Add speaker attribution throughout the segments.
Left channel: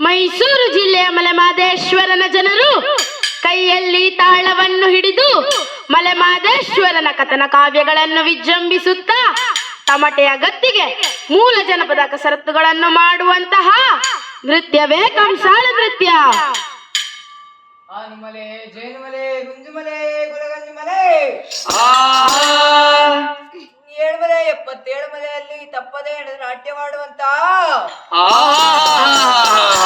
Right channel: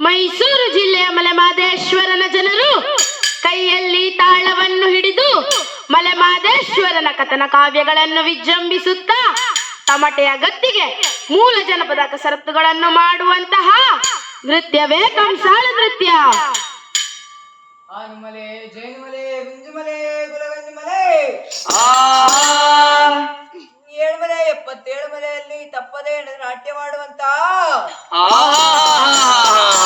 Speaker 1: ಮೈಸೂರು ಜಿಲ್ಲೆಯ ಮಲೆಮಾದೇಶ್ವರನ ಜನರು ಕೈಯಲ್ಲಿ ತಾಳವನ್ನು ಹಿಡಿದು ಮಲೆಮಾದೇಶ್ವರನ ಕಥನ ಕಾವ್ಯಗಳನ್ನು ವಿಜೃಂಭಿಸುತ್ತಾ ತಮಟೆಯ ಗತ್ತಿಗೆ ಮೂಲ ಜನಪದ ಕಸರತ್ತುಗಳನ್ನು ಮಾಡುವಂತಹ ನೃತ್ಯವೇ ಕಂಸಾಳ ನೃತ್ಯ.
Speaker 2: ಆನಿಮಲೆ ಜೇನುಮಲೆ ಗುಂಜುಮಲೆ ಗುಲಗಂಜುಮಲೆ. ಏಳುಮಲೆ ಎಪ್ಪತ್ತೇಳು ಮಲೆಯಲ್ಲಿ ತಪ್ಪದೇ ನಾಟ್ಯ ಮಾಡುವಂತ ಅಪ್ಪಾಗಿ ಒಂದು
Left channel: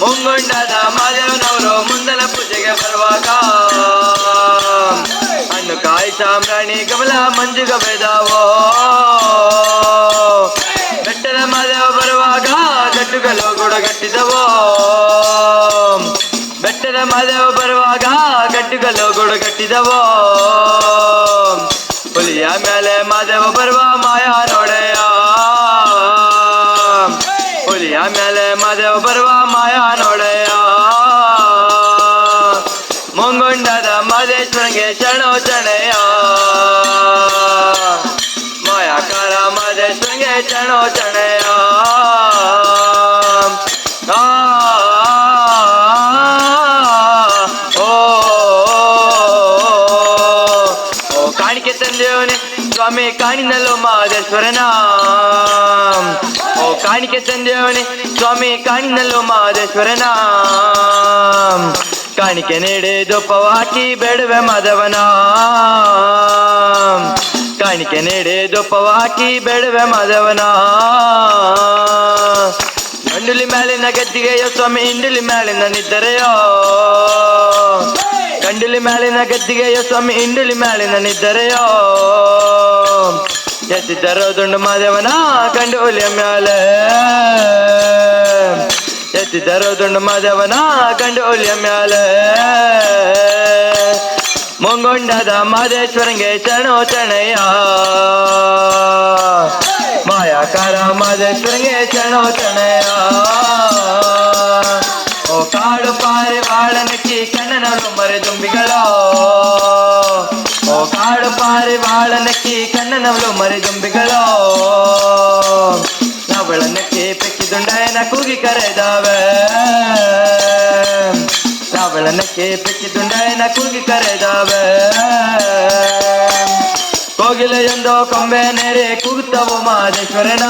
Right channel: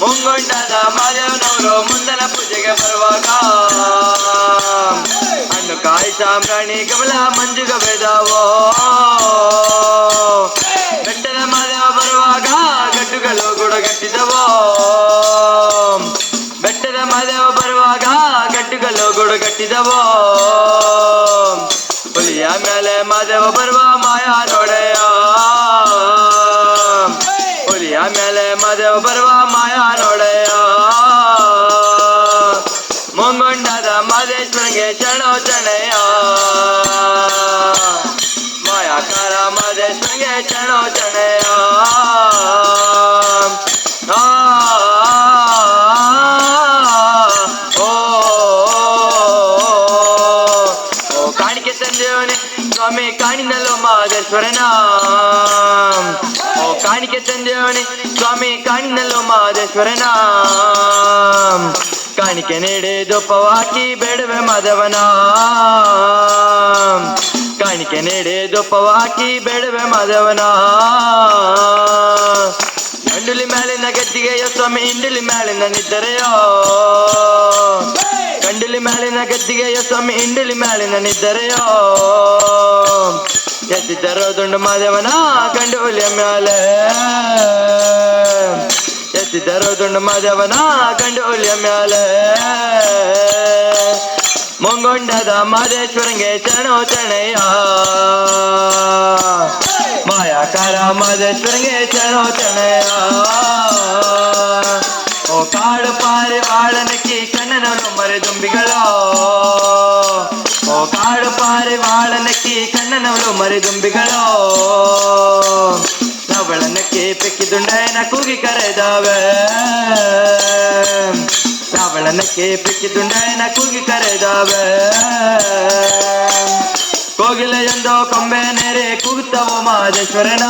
Speaker 3: ಮುಂಗೊಂಡಾದ ಮಾದೇವನವರು ಮುಂದಲ ಪೂಜೆಗೆ ಬರುವಾಗ ಹಣ್ಣು ಕಾಯಿ ಸಾಮ್ರಾಣಿ ಕಮಲ ಮಂಜುಗ ಬೆದವೋ ಗುಡಗಟ್ಟಿದವೋ ಬೆಟ್ಟದ ಮಾದೇವ ಬರುವಾಗ ಗಡ್ಡುಗಳು ಗುಡಗಟ್ಟಿದವೋ ಹುಲಿಯ ಮೇಲೆ ಮಾದೇವ ಬರುವ ಮಾಯಾ ನೋಡೆಯ? ಹುಲಿಯ ಮೇಲೆ ಮಾದೇವ ಬರುವ ಮಾಯ ನೋಡೆಯ? ಮುಂಗೊಂಡದ ಮಾದೇಶ್ವರಂಗೆ ಶರಣು ಚಣೆಯ ಮಾಯಾಕಾರ ಮಾದೇಶ್ವರಂಗೆ ಶರಣು ತಂದೇವನೇ ಸ್ವಾಮಿ ಕಾಣಿನಲ್ಲೋ ಮಾದೇಶ್ವರನ. ಓ, ಕಾಣಿಕೆ ತಂದೆಯವನೇ ಸ್ವಾಮಿ ಕಾಣಿನಲ್ಲೋ ಮಾದೇಶ್ವರನ. ಕಾಣಿಕೆ ನೀಡಿ ದೊಪ್ಪವ ಬೇಡುವೆ ಮಾಧವನ. ಕಾಣಿಕೆ ನೀಡಿ ದೊಪ್ಪವ ಬೇಡುವೆ ಮಾಧವನ. ಗಂಡುಲಿ ಮೇಲಿನ ಗದ್ದಿಗೆಯೋ ಸ್ವಾಮಿ ಇಂಡುಲಿ ಮೇಲಿನ ನಿದ್ದರೆಯೋ. ಗಂಡುಲಿ ಮೇಲಿನ ಗದ್ದಿಗೆಯ ಸ್ವಾಮಿ ಇಂಡುಲಿ ಮೇಲಿನ ನಿದ್ದರೆಯೋ? ಎತ್ತಿದ್ದರೋ ದುಂಡು ಮಾದೇವನ ಗಂಡು ಹುಲಿಯ ಮ್ಯಾಲೆ. ಎತ್ತಿದ್ದರೋ ದುಂಡು ಮಾದೇವನ ಗಂಡು ಹುಲಿಯ ಮ್ಯಾಲೆ. ಮುಂಗೊಂಡದ ಮಾದೇಶ್ವರಂಗೆ ಚಣೋ ಚಣೆಯ? ಮಾಯಾಕಾರ ಮಾದೇಶ್ವರಂಗೆ ಚಣೋ ಚಣೆಯ? ಬಾಳನಕ್ಕಿ ಕಣ್ಣನನ್ನು ಮರೆದುಂಬಿಗಳೋ ಓ ಕಾಡು ಪಾರೆ ಬಾಳನಕ್ಕಿ ಕಣ್ಣನವರು ಮರೆದುಂಬಿಗಳೋ ನಾವುಗಳನ್ನಕ್ಕೆ ಪೆಕ್ಕಿದುಂಡಯನ ಕೂಗಿ ಕರೆದಾವೆ ನಾವುಗಳನ್ನಕ್ಕೆ ಪೆಕ್ಕಿದುಂಡಯನ ಕೂಗಿ ಕರೆದಾವೆ ಕೋಗಿಲೆಯೊಂದು ಕೊಂಬೆ ನೆರೆ ಕೂಗುತ್ತವು ಮಾದೇಶ್ವರನ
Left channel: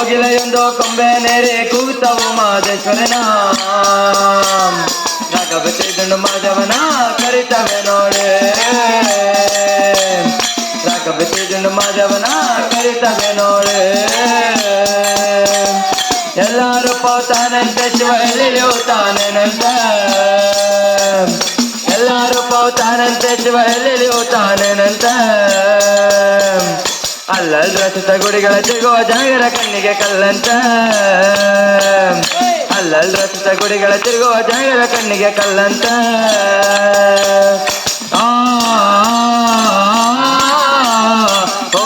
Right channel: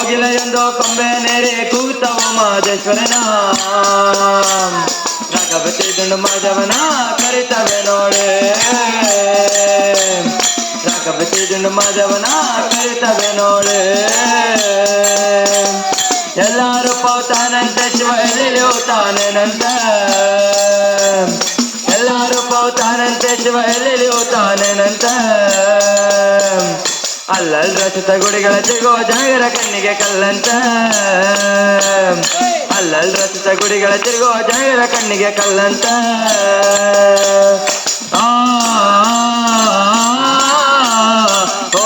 Speaker 3: ಕೋಗಿಲೆಯೊಂದು ಕೊಂಬೆ ನೆರೆ ಕೂಗುತ್ತವು ಮಾದೇಶ್ವರನ ರಾಘವತಿ ದುಂಡು ಮಾಧವನ ಕರಿತವೆ ನೋಡೆ ರಾಘವತಿ ದುಂಡು ಮಾಧವನ ಕರಿತವೆ ನೋಡೆ ಎಲ್ಲರೂ ಪೌತಾನಂತೆ ಶಿವ ಎಲ್ಲಿರುತ್ತಾನಂತ ಎಲ್ಲರೂ ಪೌತಾನಂತೆ ಶಿವ ಎಲ್ಲಿರುತ್ತಾನಂತ ಅಲ್ಲಲ್ ರಚಿತ ಗುಡಿಗಳ ಸಿಗುವ ಜಾಗರ ಕಣ್ಣಿಗೆ ಕಲ್ಲಂತ ಅಲ್ಲಲ್ ರಚಿತ ಗುಡಿಗಳ ತಿರುಗುವ ಜಾಗರ ಕಣ್ಣಿಗೆ ಕಲ್ಲಂತ ಆ, ಓ,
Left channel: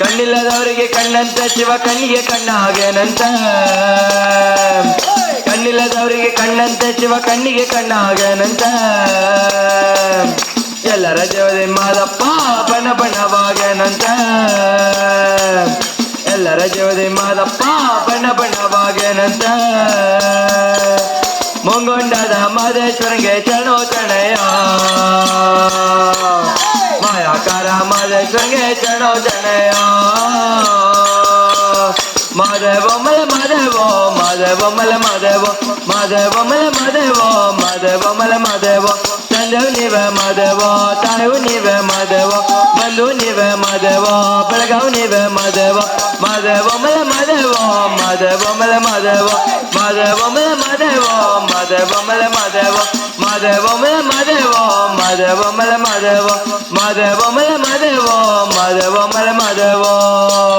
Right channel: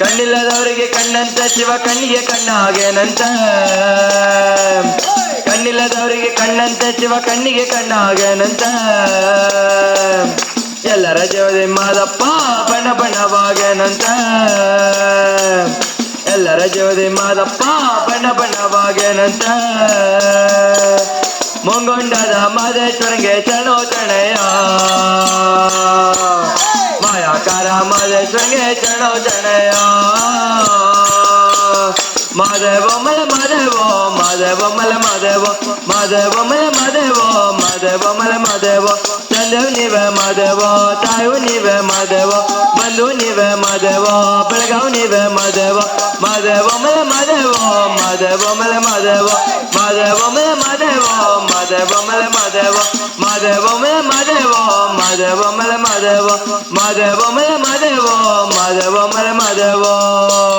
Speaker 3: ಕಣ್ಣಿಲ್ಲದವರಿಗೆ ಕಣ್ಣಂತ ಶಿವ ಕಣ್ಣಿಗೆ ಕಣ್ಣಾಗೇನಂತ ಕಣ್ಣಿಲ್ಲದವರಿಗೆ ಕಣ್ಣಂತ ಶಿವ ಕಣ್ಣಿಗೆ ಕಣ್ಣಾಗೇನಂತ ಎಲ್ಲರ ಜೋದಿ ಮಾದಪ್ಪ ಬಣ ಬಣವಾಗೇನಂತ ಎಲ್ಲರ ಜೋದಿ ಮಾದಪ್ಪ ಬಣ ಬಣವಾಗೇನಂತ ಮುಂಗೊಂಡದ ಮಾದೇಶ್ವರಿಗೆ ಚಣೋ ಚಣಯ ಮಾಯಾಕಾರ ಮಾದೇಶ್ವರಿಗೆ ಚಣೋ ಚಣಯ ಮಾದೇವ ಮಲ ಮಾದೇವ ಮಾದೇವ ಮಲ ಮಾದೇವ ಮಾದೇವ ಮಲ ಮಾದೇವ ಮಾದೇವ ಮಲ ಮಾದೇವ बल्लू निव मधवा तणु निव मधवा बल्लू निव मधवा बड़गाव निव मधवा मधवा मल मधवा मधवा मल मधवा मधवा मल मधवा मधवा मल मधवा मधवा मल मधवा मधवा मल मधवा मधवा मल मधवा मधवा मल